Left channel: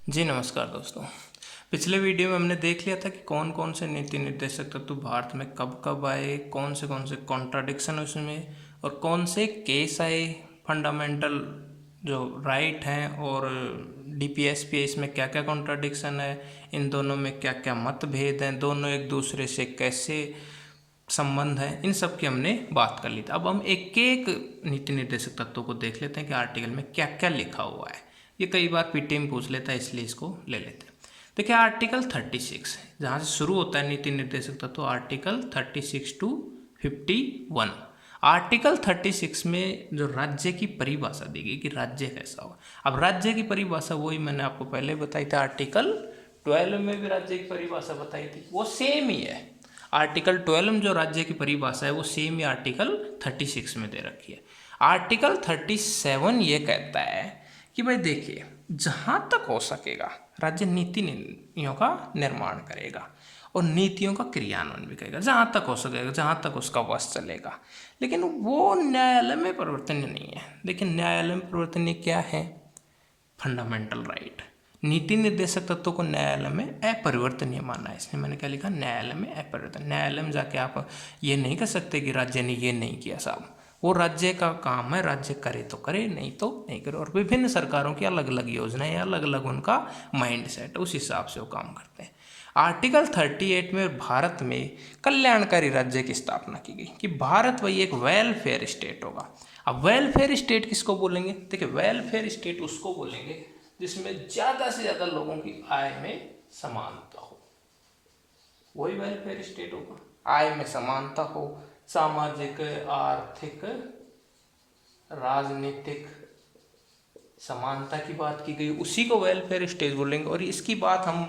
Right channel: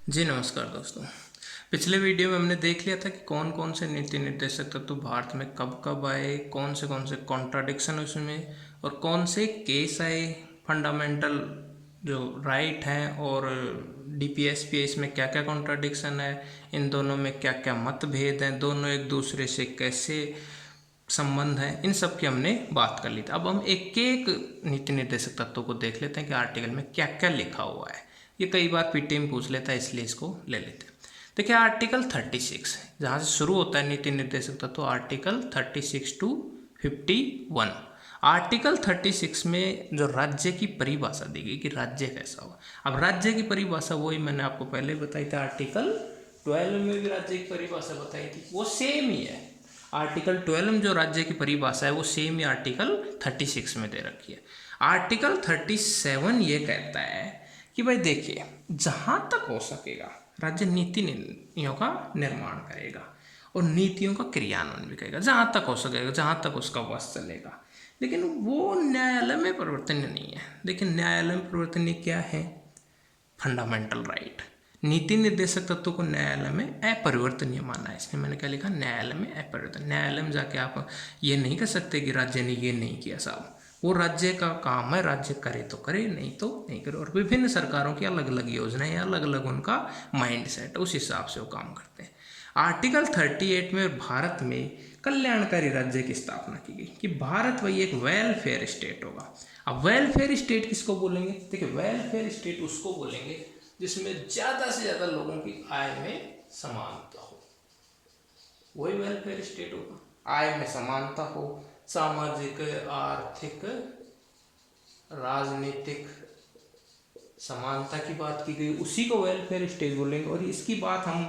जी नमस्कार दोस्तों। पिछले वीडियो में हमने देख लिया था कि कौन कौन से नीति निर्देशक तत्व भारत में कब कब आए, कौन से कॉन्ट्राडिक्शन उसमें और कौन से केस आए, फंडामेंटल जो राइट हैं और डीपीएसपीएस में क्या क्या कॉन्ट्राडिक्शन है, इन दोनों में क्या क्या मतभेद हैं, दोनों एक दूसरे से कैसे संबंध है, इन सब की हमने बात कर ली थी। अब हम एक एक नीति निर्देशक तत्वों को देख लेते हैं कि आर्टिकल में क्या क्या लिखा हुआ है। ये कई बार पीटी में पूछ लेता है, इसलिए इसको ले लेते हैं। देखिए आर्टिकल 36 जहाँ से शुरू होता है नीति निर्देशक तत्व, आर्टिकल 36 टू 51। आर्टिकल 36 में जो राज्य की परिभाषा दी गई कि राज्य कैसा होगा। अब राज्य की परिभाषा वही मैंने आपको पहले बताई थी, आर्टिकल 12 में भी राज्य की परिभाषा बताई थी, वो सेम ही है। आर्टिकल 12 में जो राज्य की परिभाषा है वो सेम ही आर्टिकल 36 में दे रखी है। आर्टिकल 37 ये कहता है कि भाई देखिए, जहाँ तक हो सकेगा राज्य नीति नीतियों का निर्माण करेगा और नीतियों का क्रियान्वयन भी करेगा, जहाँ तक हो सकेगा, जहाँ तक उसका वश चलेगा। लेकिन वो न्यायालय में परिवर्तनीय नहीं है। लेकिन न्यायालय में परिवर्तनीय क्या है? Fundamental right. नीति निर्देशक तत्वों को न्यायालय में अपरिवर्तनीय माना है, इसलिए मैंने क्या लिखा, न्यायालय में अपरिवर्तन। न्यायालय में जाके आप ये नहीं कर सकते कि राज्य ने ये नहीं किया। साहब वो राज्य का काम है, राज्य करे तो करे, नहीं तो नहीं करे। और विभिन्न सरकारों की अलग अलग योजनाएं, अलग अलग उनका माइंड सेट, उस हिसाब से वो काम करते हैं। आर्टिकल 38 में भारत में कल्याणकारी राज्य की स्थापना की गई कि भारत वही एक वेलफेयर स्टेट होगा। अब वेलफेयर स्टेट किसको बोलेंगे? देखिए वेलफेयर स्टेट उसको बोलेंगे जिसमें ज़्यादा से ज़्यादा लोगों की आय में समानता हो, वही वेलफेयर स्टेट होगा। आय में समानता हो, सामाजिक, आर्थिक, राजनीतिक समानता की बात की गई, उसी को वेलफेयर स्टेट बोलेंगे। और इसकी बात हम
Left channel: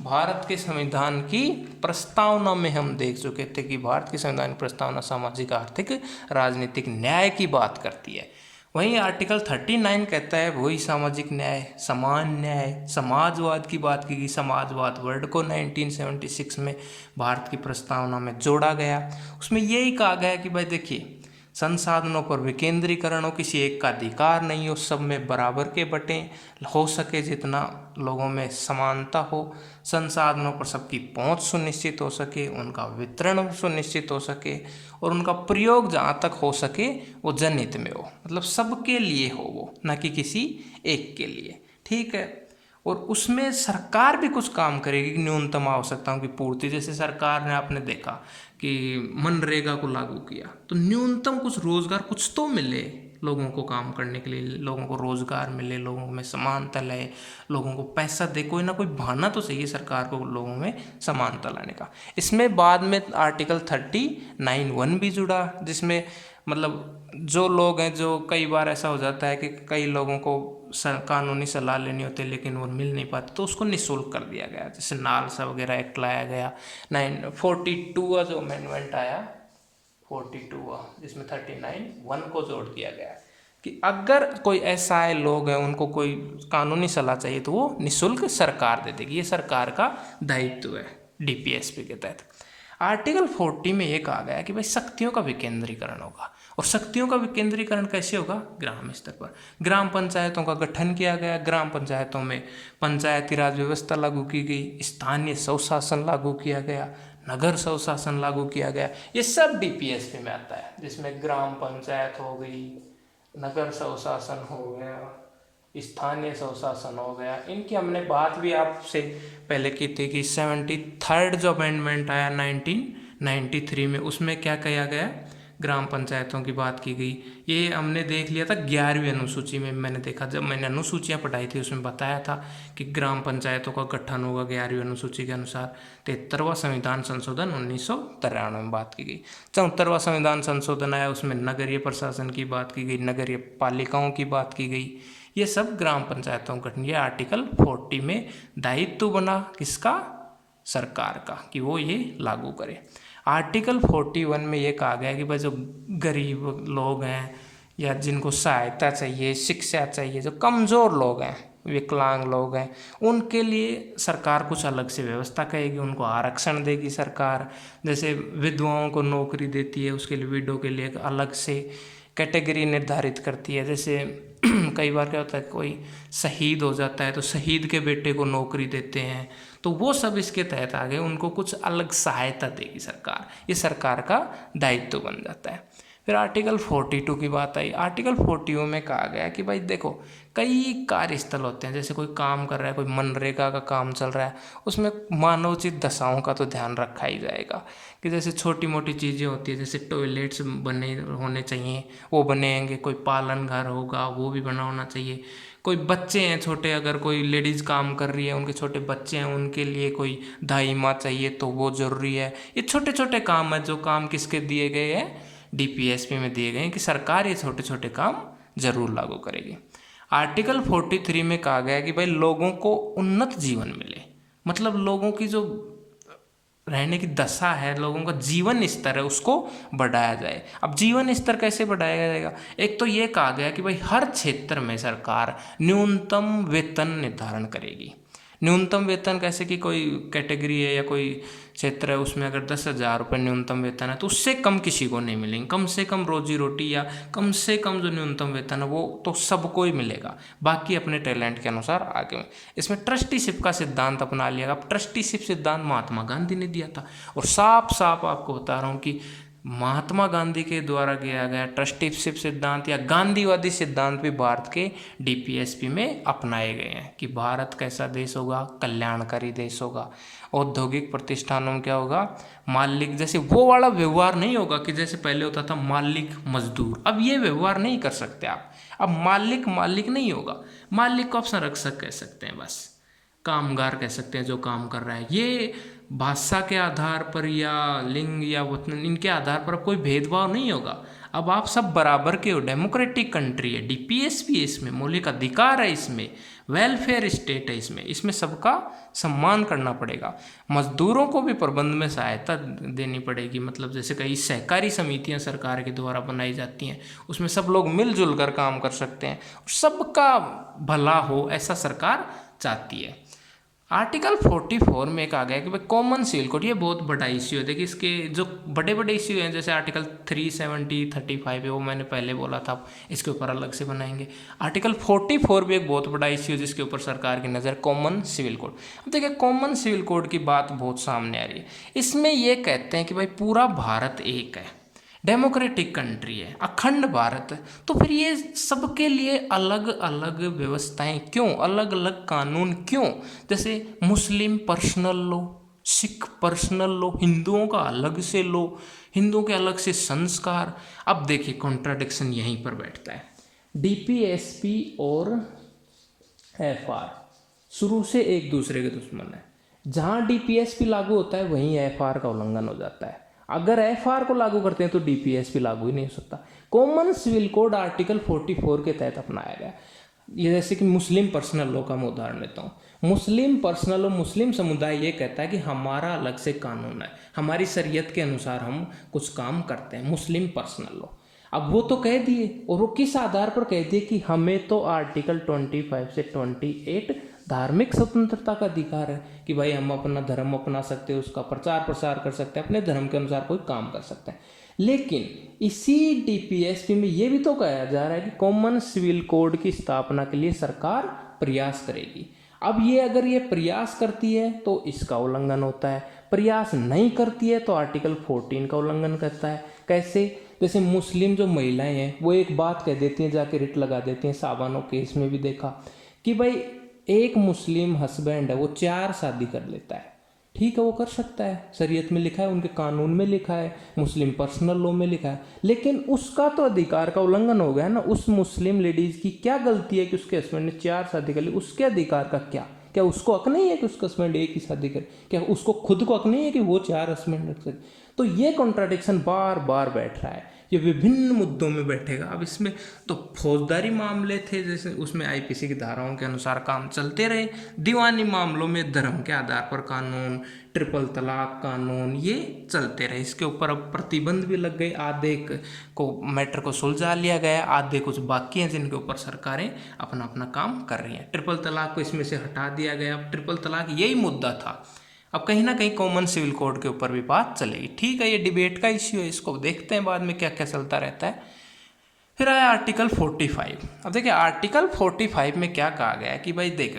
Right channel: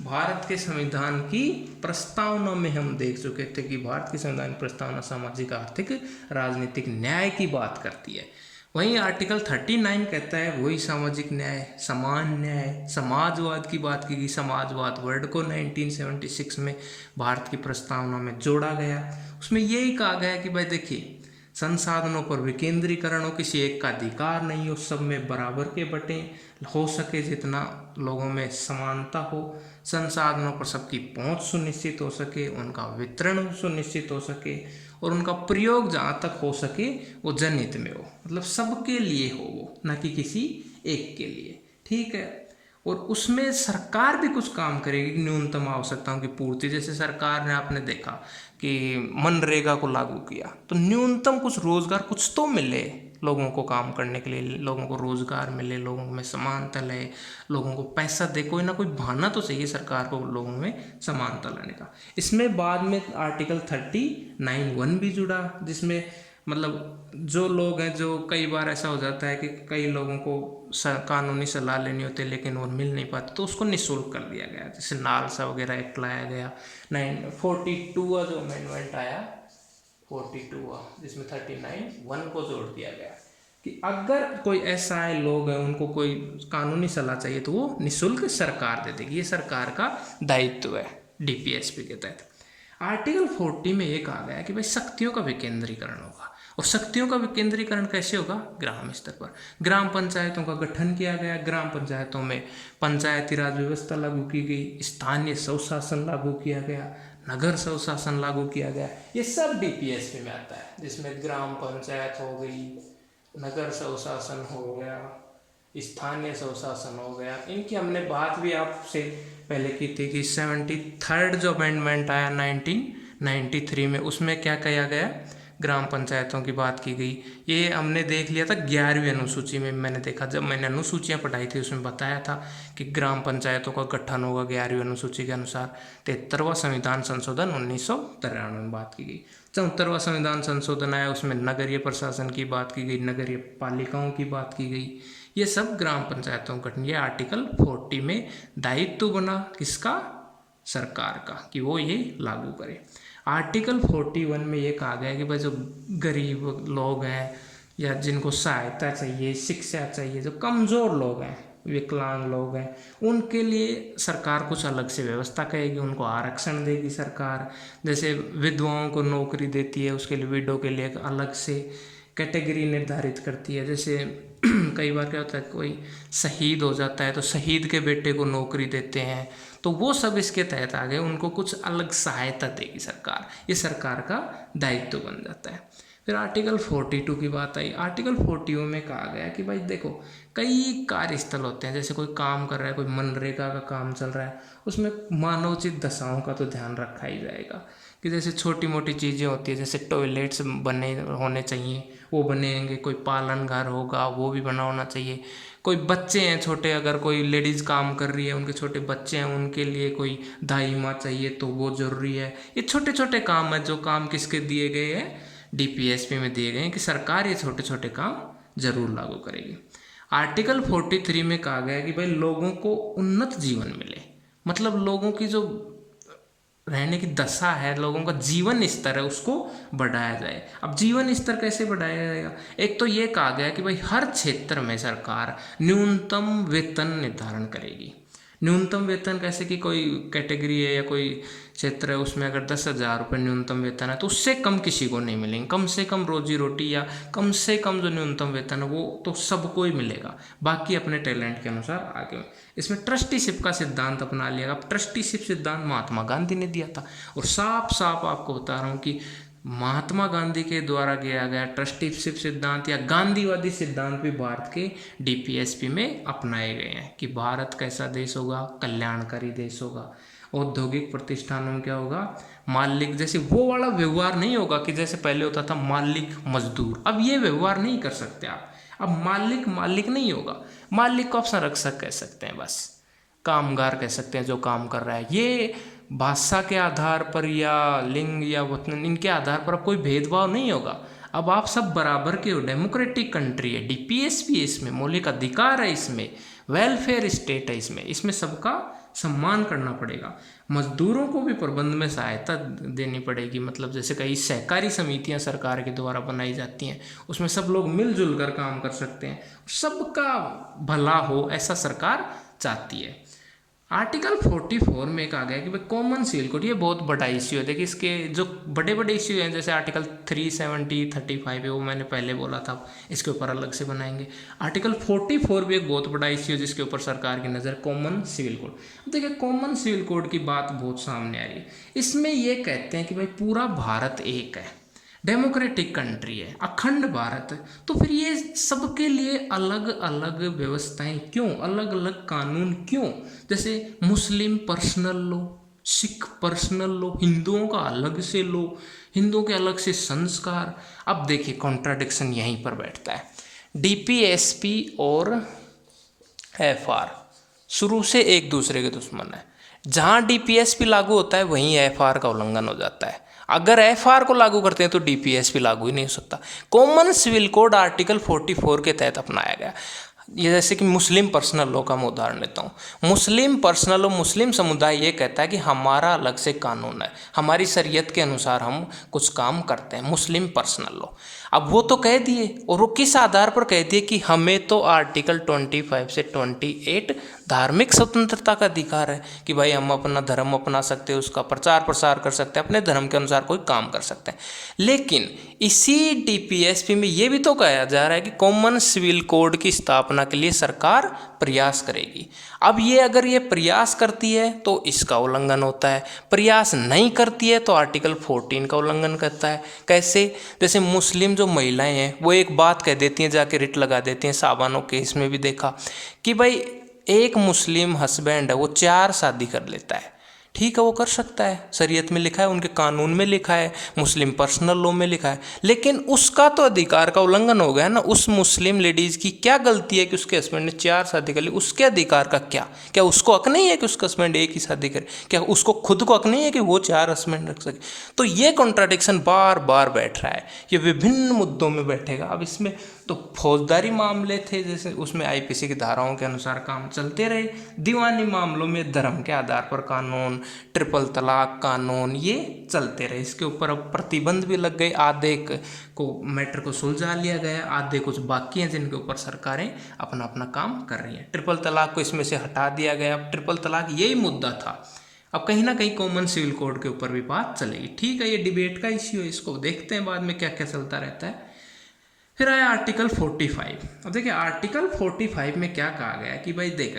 भारत के संविधान की प्रस्तावना में हम देख चुके थे कि भारत की संविधान की प्रस्तावना सामाजिक, आर्थिक, राजनीतिक न्याय की बात करती है। वहीं आर्टिकल 39 कहता है वही सामाजिक न्याय, समान न्याय, समाजवाद की बात की गई। समाजवाद वर्ड को 1976 में भारत की प्रस्तावना में जोड़ा गया। उसमें यही कहा गया कि भाई देखिए, संसाधनों पर विकेंद्रीकरण हो, किसी एक का अधिकार नहीं हो, सब में बराबर के बटें, हो सके जितना लोगों में समानता हो, संसाधनों पर सबकी पहुंच सुनिश्चित हो सके, उनका वितरण सुनिश्चित हो सके और उनका प्रयोग जहाँ तक हो सके वो जनहित में हो, मतलब सबके लिए हो वो, न कि किसी एक के लिए। ठीक है। और उसमें सरकार भी कुछ काम करेगी कि न्यूनतम आवश्यकताओं की पूर्ति। जैसे सरकार ने, आपने देखा कि मनरेगा को लागू किया तो न्यूनतम कुछ रोजगार कुछ तो मिले लोगों को, काम करने के लिए लोगों को रोजगार मिले, लोगों में समानता लाए, लोगों को पैसा दे, कोई ना कोई बहाना तो चाहिए सरकार को लोगों में समानता लाने का। इसमें बाद में आर्टिकल 39(1) भी जुड़ा, जिसमें मतलब जो लोग हैं, जो कई बार ऐसा हो जाता है कि कई लोगों को कानूनी सलाह लेनी होती है लेकिन वो मिल नहीं पाती, तो उसको निःशुल्क कर दिया गया। जैसे नालसा वगैरह एक्ट लाया गया। 942 का जो अमेंडमेंट आया, 42 जिसमें 39(1) को जोड़ दिया गया कि अगर कोई ऐसा है लोग हैं, उनको कोई कानूनी सलाह चाहिए तो वो निःशुल्क सरकार दे देगी। ये सरकार का दायित्व है डीपीएसपी के तहत। आर्टिकल 40 में ये कहा गया कि भाई शक्तियों का विकेंद्रीकरण होगा। और शक्तियों का विकेंद्रीकरण कैसे होगा? ग्राम स्तर पर ग्राम पंचायतों का गठन किया गया। ग्राम पंचायतों में पंचायती राज व्यवस्था लागू की गई, स्थानीय स्वशासन लागू किया गया, नगर स्वशासन लागू किया गया। ये सब डीपीएसपी में आता है, जिसमें ग्राम पंचायत हो गई, नगर स्वशासन हो गया, स्थानीय स्वशासन हो गया। इनकी हमने बात भी आपसे पहले की थी कि 73rd जो अमेंडमेंट आया 1993 में, उसमें क्या किया गया? ग्राम पंचायतों की बात की गई। ये हमने देख लिया था 11वीं अनुसूची में। मैंने देखा, जब मैंने अनुसूचियाँ पढ़ाई थी उसमें बताया था कि ग्राम पंचायतों का गठन होगा 11वीं अनुसूची के अनुसार। 73वां संविधान संशोधन 1993 में बात की गई। 74वां संविधान संशोधन आया, उसमें नगरीय प्रशासन की बात की गई, नगरीय पालिकाओं की बात की गई। ये सब ग्राम पंचायतों का गठन, ये आर्टिकल 40 में दायित्व बना किसका? सरकार का, कि वो ये लागू करे। आर्टिकल 41 में ये कहा गया कि भाई जो गरीब लोग हैं या जिनको सहायता चाहिए, शिक्षा चाहिए, जो कमज़ोर लोग हैं, विकलांग लोग हैं, उनके लिए सरकार कुछ अलग से व्यवस्था करेगी, उनको आरक्षण देगी सरकार। जैसे विधवाओं को नौकरी देती है, उसके लिए विडो के लिए अलग से कैटेगरी निर्धारित करती है। जैसे कई बार क्या होता है, कोई शहीद हो जाता है तो शहीद के बेटे को नौकरी देते हैं, तो वो सब इसके तहत आ गए, उनको कुछ अलग सहायता देगी सरकार, ये सरकार का दायित्व बन जाता है। फिर आर्टिकल 42 की बात आई। आर्टिकल 42 में कहा गया कि भाई देखो, कई कार्यस्थल होते हैं, जैसे कोई काम कर रहा है, कोई मनरेगा का काम चल रहा है, उसमें मानवोचित दशाओं का तो ध्यान रखा ही जाएगा कि जैसे छोटी मोटी चीज़ें होती है, जैसे टॉयलेट्स बने होने चाहिए, वो बनेंगे, कोई पालन घर होगा वो भी बना होना चाहिए, कोई बच्चे हैं छोटे, अगर कोई लेडीज़ काम कर रही है, उनके छोटे बच्चे हैं, उनके लिए कोई दाई माँ चाहिए तो वो ज़रूरी है। ये छोटे छोटे काम है, जो काम किसके दिए गए हैं, DPSP में दिए गए हैं कि सरकार ये छोटे छोटे काम जरूर लागू करेगी। आर्टिकल 43 में कहा गया कि भाई लोगों को उन्नत जीवन मिले, मतलब लोगों की जो रहने की दशा है, लोगों का जीवन स्तर है, उसको बढ़ाया जाए। अब जीवन स्तर कैसे बढ़ाया जाएगा? एक तो ये कहा गया कि भाई हर क्षेत्र में सरकार न्यूनतम वेतन निर्धारण करेगी। न्यूनतम वेतन कैसे कि कोई कैटेगरी है या कोई क्षेत्र है, उसमें अगर 10,000 रुपये न्यूनतम वेतन है तो उससे कम किसी को नहीं मिलेंगे। कम से कम रोजी रोटी या कम से कम जो न्यूनतम वेतन है वो तो सबको ही मिलेगा, बाकी अपने टैलेंट के अनुसार आगे। इसमें ट्रस्टीशिप का सिद्धांत अपना लिया। अब ट्रस्टीशिप सिद्धांत महात्मा गांधी ने दिया था, और साफ साफ आपको बता रहा हूँ कि महात्मा गांधी के द्वारा किया गया ट्रस्टीशिप सिद्धांत या गांधीवादी सिद्धांत भी भारत के DPSP में अपनाए गए हैं कि भारत कैसा देश होगा, कल्याणकारी देश होगा। औद्योगिक प्रतिष्ठानों में क्या होगा, मालिक, जैसे वो वाला व्यवहार नहीं होगा कि जैसे पहले होता था मालिक मजदूर, अब ये व्यवहार नहीं कर सकते आप। अब मालिक मालिक नहीं होगा, मालिक को आप संरक्षक कह सकते हैं, बस कामगार कह सकते हैं जो काम कर रहा है। ये भाषा के आधार पर या लिंग या वतन, इनके आधार पर कोई भेदभाव नहीं होगा। अब आप सब बराबर के हो, डेमोक्रेटिक कंट्री है, DPSP इसमें मौलिक अधिकार है, इसमें वेलफेयर स्टेट है, इसमें सबका सम्मान करना पड़ेगा। मजदूरों को भी प्रबंध में सहायता देनी पड़ेगी, मतलब जैसे कई सहकारी समितियां सरकार के द्वारा बनाई जाती हैं, उसमें सब लोग मिलजुल कर काम कर सकते हैं, सबका भला हो ऐसा सरकार चाहती है। आर्टिकल 44 में कहा गया कि भाई कॉमन सिविल कोड, ये बहुत बड़ा इश्यू है। देखिए इसके जो बड़े बड़े इश्यू हैं, जैसे आर्टिकल 370, 35 है, वो मैंने पहले बोला था, इसके ऊपर अलग से बनाएंगे। आर्टिकल 44 भी एक बहुत बड़ा इश्यू है जिसके ऊपर सरकार की नज़र, कॉमन सिविल कोड। अब देखिए कॉमन सिविल कोड की बात बहुत सामने आ रही है। इसमें ये कहते हैं कि भाई पूरा भारत एक है, डेमोक्रेटिक कंट्री है, अखंड भारत है, तो फिर ये सबके लिए अलग अलग व्यवस्थाएं क्यों, अलग अलग कानून क्यों? जैसे मुस्लिम पर्सनल लो, सिख पर्सनल लो, हिंदुओं का अलग से लो, हिंदुओं के अलग से संस्कार। अब देखिए कॉन्ट्राडिक्शन यहीं पर बैठता है। DPSP और FR शुरू से एक दूसरे के दुश्मन है। जहाँ DPSP लागू होता है वहीं FR का उल्लंघन हो जाता है। अगर FR को लागू करते हैं तो DPSP लागू ही नहीं हो सकता। कॉमन सिविल कोड आर्टिकल 44 के तहत अपनाया गया। ये जैसे कि मुस्लिम पर्सनल लॉ का मैं उदाहरण लेता हूँ। मुस्लिम पर्सनल लॉ, मुस्लिम समुदाय ये कहता है कि हमारा अलग से कानून है, हमारी शरीयत के अनुसार हम कुछ काम करते हैं, मुस्लिम पर्सनल लॉ। अब वो तो कह दिए, और वो किस आधार पर कह दिए कि हमें तो आर्टिकल 25 से 28 धार्मिक स्वतंत्रता का अधिकार है कि भाई हम अपना धर्म अपना सकते हैं, उसका प्रचार प्रसार कर सकते हैं, अपने धर्म के अनुसार कोई काम कर सकते हैं। लेकिन इसी DPSP में ये भी तो कहा जा रहा है कि कॉमन सिविल कोड की स्थापना के लिए सरकार प्रयास करेगी। अब ये अगर ये प्रयास करती है तो इसका उल्लंघन होता है, प्रयास नहीं करती है तो आर्टिकल 14 का उल्लंघन करता है। कैसे? जैसे मुस्लिम जो महिलाएं हैं वो एक बात कह देती हैं, जाके रिट लगा देती हैं, साबानो केस में भी देखा कि भाई एक मुस्लिम हस्बैंड है वो 4 शादी कर लेता है, ठीक है वो कर सकता है, शरीयत में लिखा है, उनके कानून में लिखा है, मुस्लिम पर्सनल लॉ में लिखा है, लेकिन उसका तो अधिकार का उल्लंघन हो गया ना। उस मुस्लिम लेडीज़ की क्या गलती है कि उसके हस्बैंड ने 4 शादी कर ली? उसके अधिकार का क्या उसको हक नहीं है कि उसका हस्बैंड एक ही शादी करे? क्या उसको खुद को हक नहीं है कि वो 4 हस्बैंड रख सके? तो ये कॉन्ट्राडिक्शन बार बार बैठ रहा है, ये विभिन्न मुद्दों में बैठेगा। अब इसमें तो फौजदारी मामले थे, जैसे उसमें IPC की धाराओं के अनुसार काम चलते रहे। दीवानी मामलों में धर्म के आधार पर कानून, ट्रिपल तलाक कानून, ये चलते रहे। इसके ऊपर अब प्रतिबंध भी लग गए, आधे को मैटर को सुलझा लिया गया, आधे कुछ बाकी हैं जिनके ऊपर सरकारें अपना अपना काम कर रही हैं। ट्रिपल तलाक को इसमें से हटा दिया गया। अब ट्रिपल तलाक यही मुद्दा था, अब कहीं ना कहीं कॉमन सिविल कोड के ऊपर भी बात चलेगी। ठीक है, ये डिबेट का इश्यू है, इसको देखते हैं बाद में क्या क्या चलता रहता है। फिर आया आर्टिकल 45। अब देखिए आर्टिकल 45 में क्या कहा गया है कि भाई देख,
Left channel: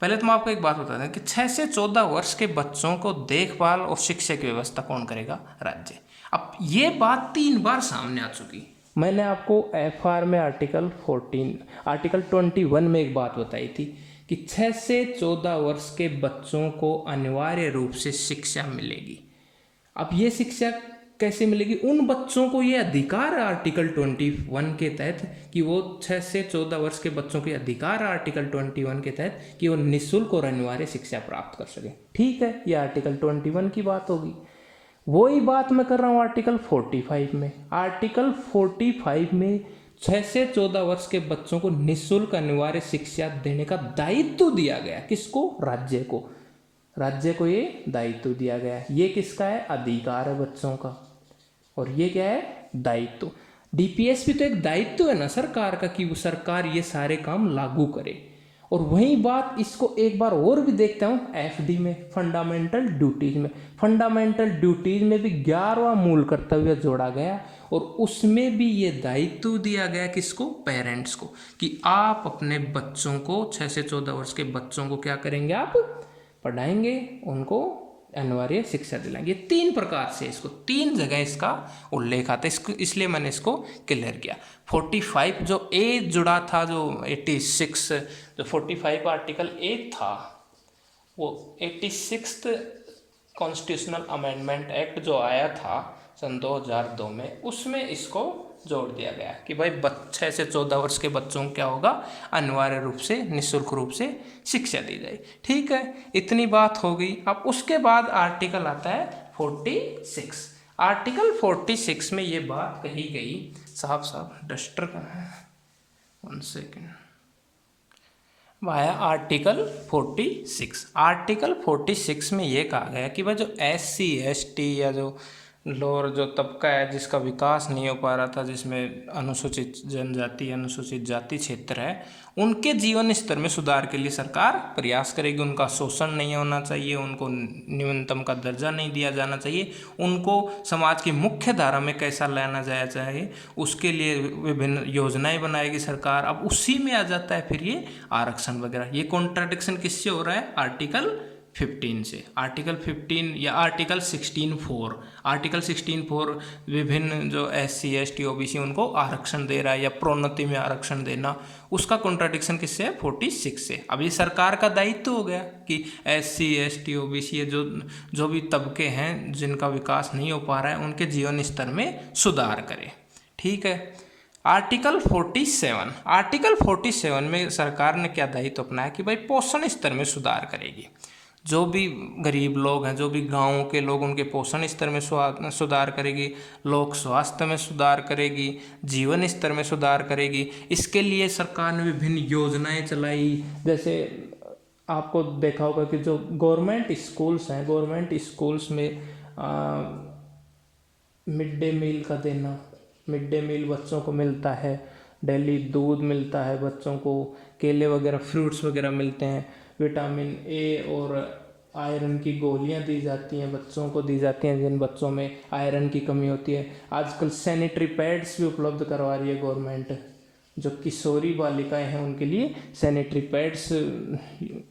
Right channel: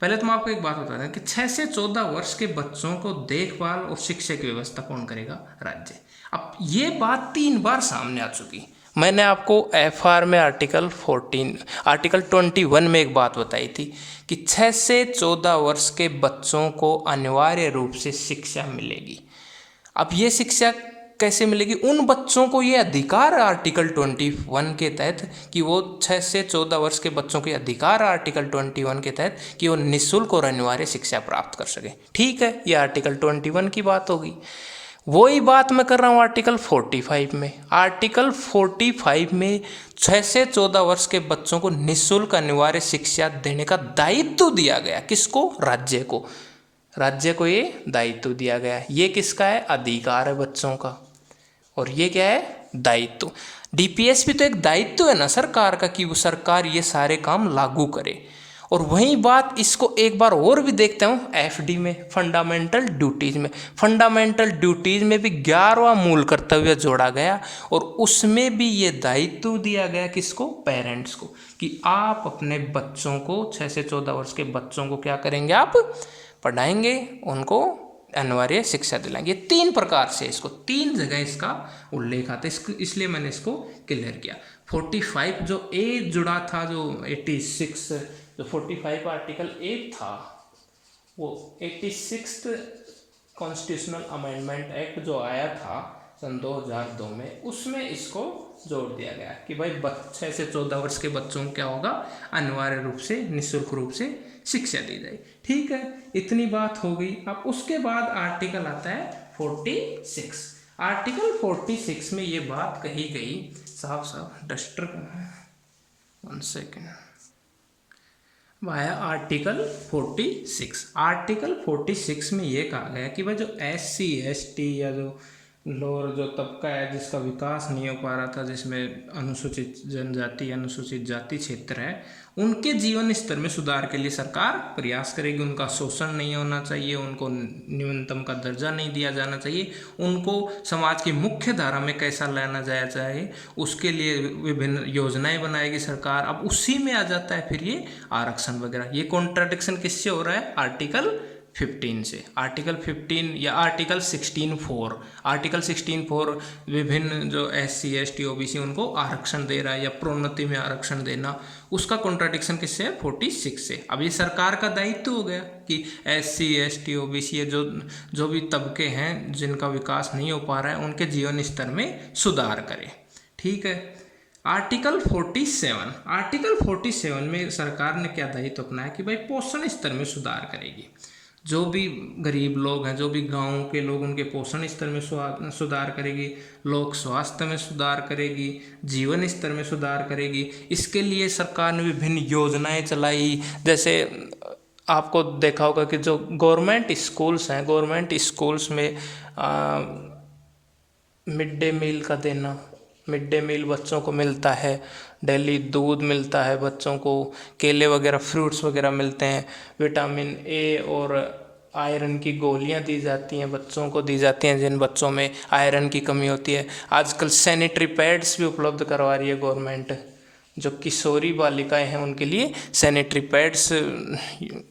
पहले तो मैं आपको एक बात बता दें कि 6 से 14 वर्ष के बच्चों को देखभाल और शिक्षा की व्यवस्था कौन करेगा? राज्य। अब ये बात 3 बार सामने आ चुकी। मैंने आपको FR में आर्टिकल 21 में एक बात बताई थी कि 6 से 14 वर्ष के बच्चों को अनिवार्य रूप से शिक्षा मिलेगी। अब ये शिक्षा कैसे मिलेगी? उन बच्चों को ये अधिकार आर्टिकल 21 के तहत कि वो 6 से 14 वर्ष के बच्चों के अधिकार आर्टिकल 21 के तहत कि वो निःशुल्क और अनिवार्य शिक्षा प्राप्त कर सके। ठीक है, ये आर्टिकल 21 की बात होगी। वही बात मैं कर रहा हूँ आर्टिकल 45 में। आर्टिकल 45 में 6 से 14 वर्ष के बच्चों को निःशुल्क अनिवार्य शिक्षा देने का दायित्व दिया गया। किसको? राज्य को। राज्य को ये दायित्व दिया गया। ये किसका है? अधिकार है बच्चों का, और ये क्या है? दायित्व। DPS भी तो एक दायित्व है ना सरकार का कि वो सरकार ये सारे काम लागू करे। और वही बात इसको एक बार और भी देखते हूँ FD में, फंडामेंटल ड्यूटीज में। फंडामेंटल ड्यूटीज में भी 11वां मूल कर्तव्य जोड़ा गया और उसमें भी ये दायित्व दिया गया किसको? पेरेंट्स को, कि आप अपने बच्चों को 6 से 14 वर्ष के बच्चों को क्या करेंगे? आप पढ़ाएंगे, उनको अनिवार्य शिक्षा दिलाएंगे। 3 प्रकार से इसको 3 जगह इसका उल्लेख आता है, इसलिए मैंने इसको क्लियर किया। 45 जो ए जुड़ा था, जो 86 जो 45 आर्टिकल 8 था, वो 86 कॉन्स्टिट्यूशनल अमेंडमेंट एक्ट जो आया था सन 2002 में, उसमें इसको जोड़ दिया गया कि भाई 6 से 14 वर्ष के बच्चों को क्या होगा? अनिवार्य रूप से निःशुल्क रूप से शिक्षा दी जाए। ठीक है, इतनी बात हो गई। अब उसके बाद आर्टिकल आता है 46। आर्टिकल 46 में ये बात कही गई, साहब डस्टर कहाँ है? 1 सेकेंड। Via article 46। आर्टिकल 46 में ये कहा गया कि भाई जो SC ST या जो लोअर जो तबका है जिसका विकास नहीं हो पा रहा था, जिसमें अनुसूचित जनजाति अनुसूचित जाति क्षेत्र है, उनके जीवन स्तर में सुधार के लिए सरकार प्रयास करेगी। उनका शोषण नहीं होना चाहिए, उनको न्यूनतम का दर्जा नहीं दिया जाना चाहिए, उनको समाज की मुख्य धारा में कैसा लाना जाया चाहिए, उसके लिए विभिन्न योजनाएं बनाएगी सरकार। अब उसी में आ जाता है फिर ये आरक्षण वगैरह। ये कॉन्ट्राडिक्शन किससे हो रहा है? आर्टिकल 15 से। आर्टिकल 15 या आर्टिकल 16(4). आर्टिकल 16(4) विभिन्न जो SC ST OBC उनको आरक्षण दे रहा है, या प्रोन्नति में आरक्षण देना, उसका कॉन्ट्राडिक्शन किससे है? 46 से। अब ये सरकार का दायित्व हो गया कि SC ST OBC ये जो भी तबके हैं जिनका विकास नहीं हो पा रहा है, उनके जीवन स्तर में सुधार करे। ठीक है। आर्टिकल 47। आर्टिकल 47 में सरकार ने क्या दायित्व अपनाया कि भाई पोषण स्तर में सुधार करेगी। जो भी गरीब लोग हैं, जो भी गाँव के लोग, उनके पोषण स्तर में सुधार करेगी, लोक स्वास्थ्य में सुधार करेगी, जीवन स्तर में सुधार करेगी। इसके लिए सरकार ने विभिन्न योजनाएं चलाई। जैसे आपको देखा होगा कि जो गवर्नमेंट स्कूल्स हैं, गवर्नमेंट स्कूल्स में मिड डे मील का देना, मिड डे मील बच्चों को मिलता है, डेली दूध मिलता है बच्चों को, केले वगैरह फ्रूट्स वगैरह मिलते हैं, विटामिन A और आयरन की गोलियां दी जाती हैं, बच्चों को दी जाती हैं जिन बच्चों में आयरन की कमी होती है। आजकल सैनिटरी पैड्स भी उपलब्ध करवा रही है गवर्नमेंट। जो किशोरी बालिकाएं हैं उनके लिए सैनिटरी पैड्स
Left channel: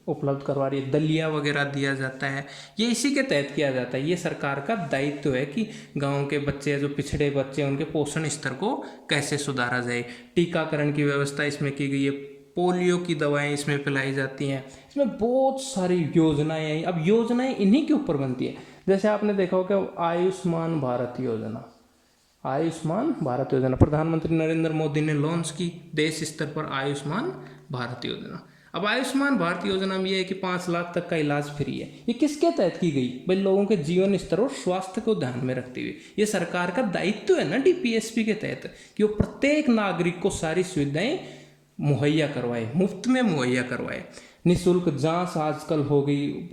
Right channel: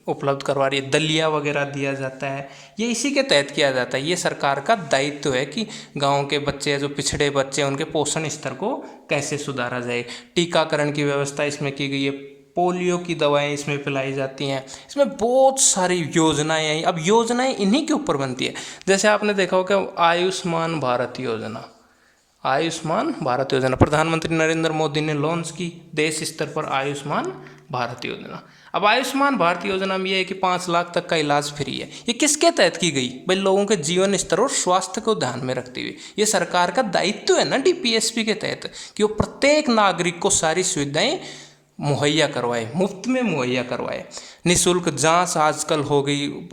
उपलब्ध करवा रही है। दलिया वगैरह दिया जाता है, ये इसी के तहत किया जाता है। ये सरकार का दायित्व है कि गांव के बच्चे, जो पिछड़े बच्चे, उनके पोषण स्तर को कैसे सुधारा जाए। टीकाकरण की व्यवस्था इसमें की गई है, पोलियो की दवाएं इसमें पिलाई जाती हैं। इसमें बहुत सारी योजनाएं हैं। अब योजनाएं इन्हीं के ऊपर बनती है। जैसे आपने देखा होगा आयुष्मान भारत योजना, आयुष्मान भारत योजना प्रधानमंत्री नरेंद्र मोदी ने लॉन्च की देश स्तर पर आयुष्मान भारत योजना। अब आयुष्मान भारत योजना में ये है कि 5 लाख तक का इलाज फ्री है। ये किसके तहत की गई? भाई लोगों के जीवन स्तर और स्वास्थ्य को ध्यान में रखते हुए। ये सरकार का दायित्व है ना DPSP के तहत कि वो प्रत्येक नागरिक को सारी सुविधाएं मुहैया करवाए, मुफ्त में मुहैया करवाए। निःशुल्क जाँच आजकल हो गई।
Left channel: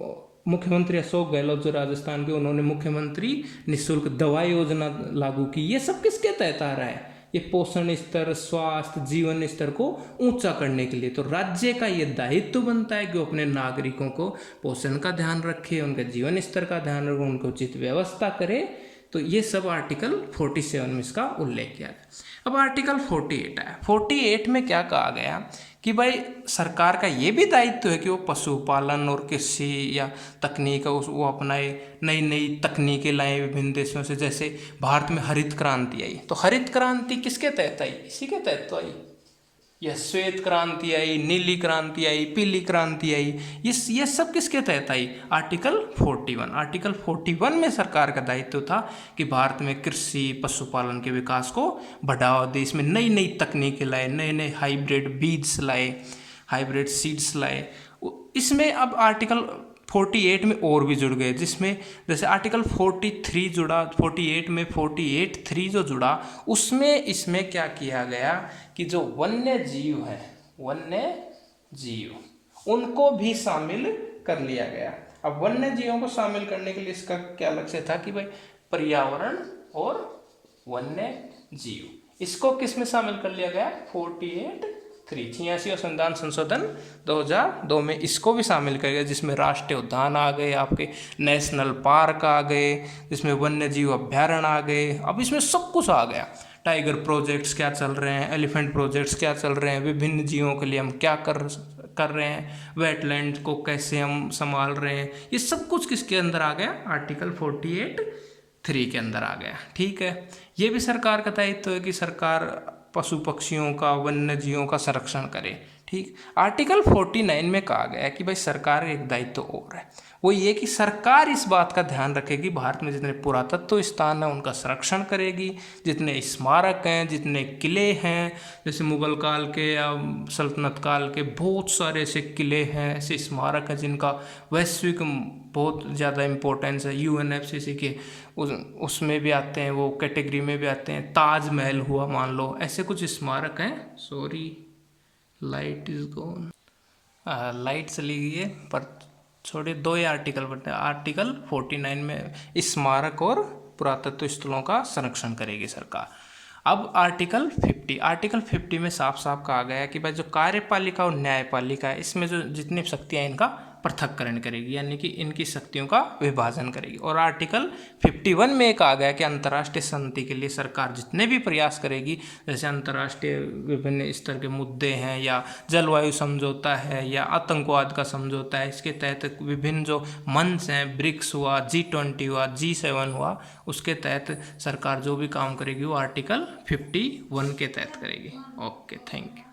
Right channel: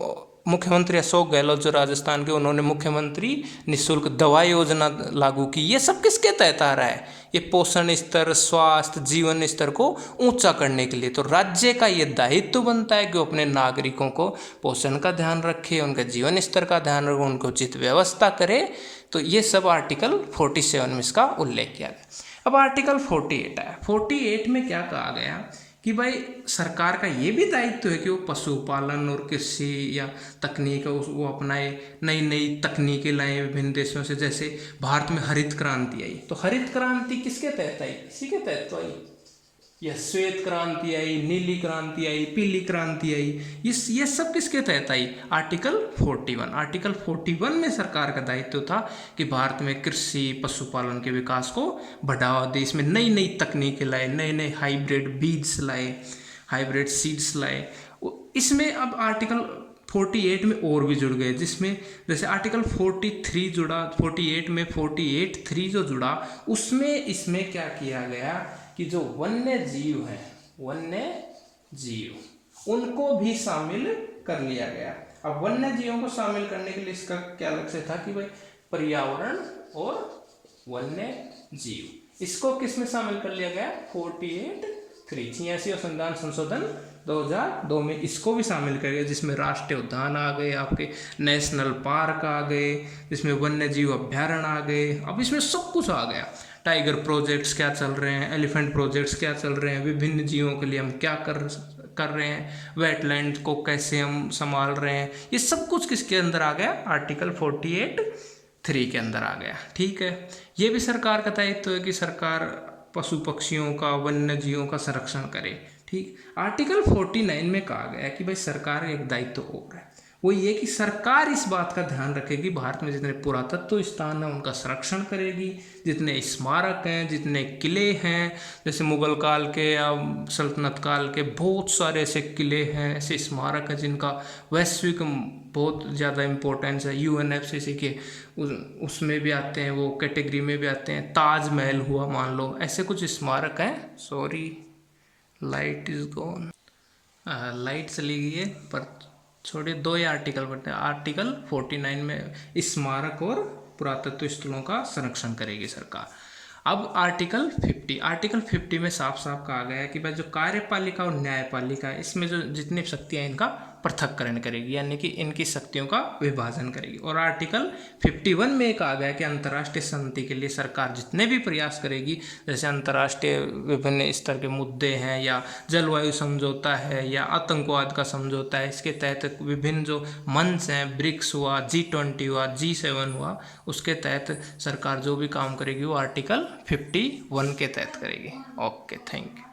मुख्यमंत्री अशोक गहलोत जो राजस्थान के, उन्होंने मुख्यमंत्री निःशुल्क दवा योजना लागू की। ये सब किसके तहत आ रहा है? ये पोषण स्तर, स्वास्थ्य, जीवन स्तर को ऊंचा करने के लिए। तो राज्य का ये दायित्व बनता है कि वो अपने नागरिकों को पोषण का ध्यान रखे, उनके जीवन स्तर का ध्यान रखे, उनको उचित व्यवस्था करे। तो ये सब आर्टिकल 47 में इसका उल्लेख किया गया। अब आर्टिकल 48 है। 48 में क्या कहा गया कि भाई सरकार का ये भी दायित्व है कि वो पशुपालन और कृषि या तकनीक वो अपनाए, नई नई तकनीकें लाएं विभिन्न देशों से। जैसे भारत में हरित क्रांति आई, तो हरित क्रांति किसके तहत आई? इसी के तहत तो आई। यह श्वेत क्रांति आई, नीली क्रांति आई, पीली क्रांति आई, ये सब किसके तहत आई? आर्टिकल 41। आर्टिकल 41 में सरकार का दायित्व था कि भारत में कृषि पशुपालन के विकास को बढ़ावा दे, इसमें नई नई तकनीकें लाए, नए नए हाइब्रिड बीज लाए, हाइब्रिड सीड्स लाए। इसमें अब आर्टिकल 48 में और भी जुड़ गए, जिसमें जैसे आर्टिकल 43 जुड़ा, 48 में 48(3) जो जुड़ा, उसमें इसमें क्या किया गया कि जो वन्य जीव हैं, वन्य जीव, उनको भी शामिल कर लिया गया। अब वन्य जीवों को शामिल करने के लिए इसका क्या लक्ष्य था कि भाई पर्यावरण और वन्य जीव, इसको किस में शामिल कर लिया गया? 48(3) 86 संविधान संशोधन 2002 में इसको भी शामिल कर लिया, जिसमें राष्ट्रीय उद्यान आ गए, आपके नेशनल पार्क आ गए, जिसमें वन्य जीव अभ्यारण्य आ गए। अब इसमें सब कुछ आ गया। टाइगर प्रोजेक्ट्स क्या चल रहे हैं, एलिफेंट प्रोजेक्ट्स क्या चल रहे हैं, विभिन्न जीवों के लिए हम क्या कर रहे हैं, वेटलैंड को कैसे हम संभाल रहे हैं, ये सब कुछ किसके अंदर आ गया? आर्टिकल 48(3) के अंदर आ गया। ठीक है, ये भी सरकार का दायित्व है कि सरकार पशु पक्षियों का, वन्य जीवों का संरक्षण करे। ठीक, आर्टिकल 49 में कहा गया कि भाई सरकार एक दायित्व और है, वो ये कि सरकार इस बात का ध्यान रखेगी भारत में जितने पुरातत्व स्थान हैं उनका संरक्षण करेगी, जितने स्मारक हैं, जितने किले हैं, जैसे मुगल काल के या सल्तनत काल के बहुत सारे ऐसे किले हैं, ऐसे स्मारक हैं जिनका वैश्विक बहुत ज़्यादा इम्पोर्टेंस है, UNFCCC के उसमें भी आते हैं, वो कैटेगरी में भी आते हैं। ताजमहल हुआ मान लो, ऐसे कुछ स्मारक हैं। Sorry, light is gone, light चली गई है, पर छोड़िए, 2 ही आर्टिकल पढ़ते हैं। आर्टिकल 49 में स्मारक और पुरातत्व स्थलों का संरक्षण करेगी सरकार। अब आर्टिकल 50 में साफ साफ कहा गया है कि भाई जो कार्यपालिका और न्यायपालिका है, इसमें जो जितनी शक्तियाँ इनका पृथक्करण करेगी, यानी कि इनकी शक्तियों का विभाजन करेगी। और आर्टिकल 51 में कहा गया कि अंतर्राष्ट्रीय शांति के लिए सरकार जितने भी प्रयास करेगी, जैसे अंतर्राष्ट्रीय विभिन्न स्तर के मुद्दे हैं, या जलवायु समझौता है, या आतंकवाद का समझौता है, इसके तहत विभिन्न जो मंच हैं, ब्रिक्स हुआ, G20 हुआ, G7 हुआ, उसके तहत सरकार जो भी काम करेगी वो आर्टिकल 51 के तहत करेगी। Okay, thank you.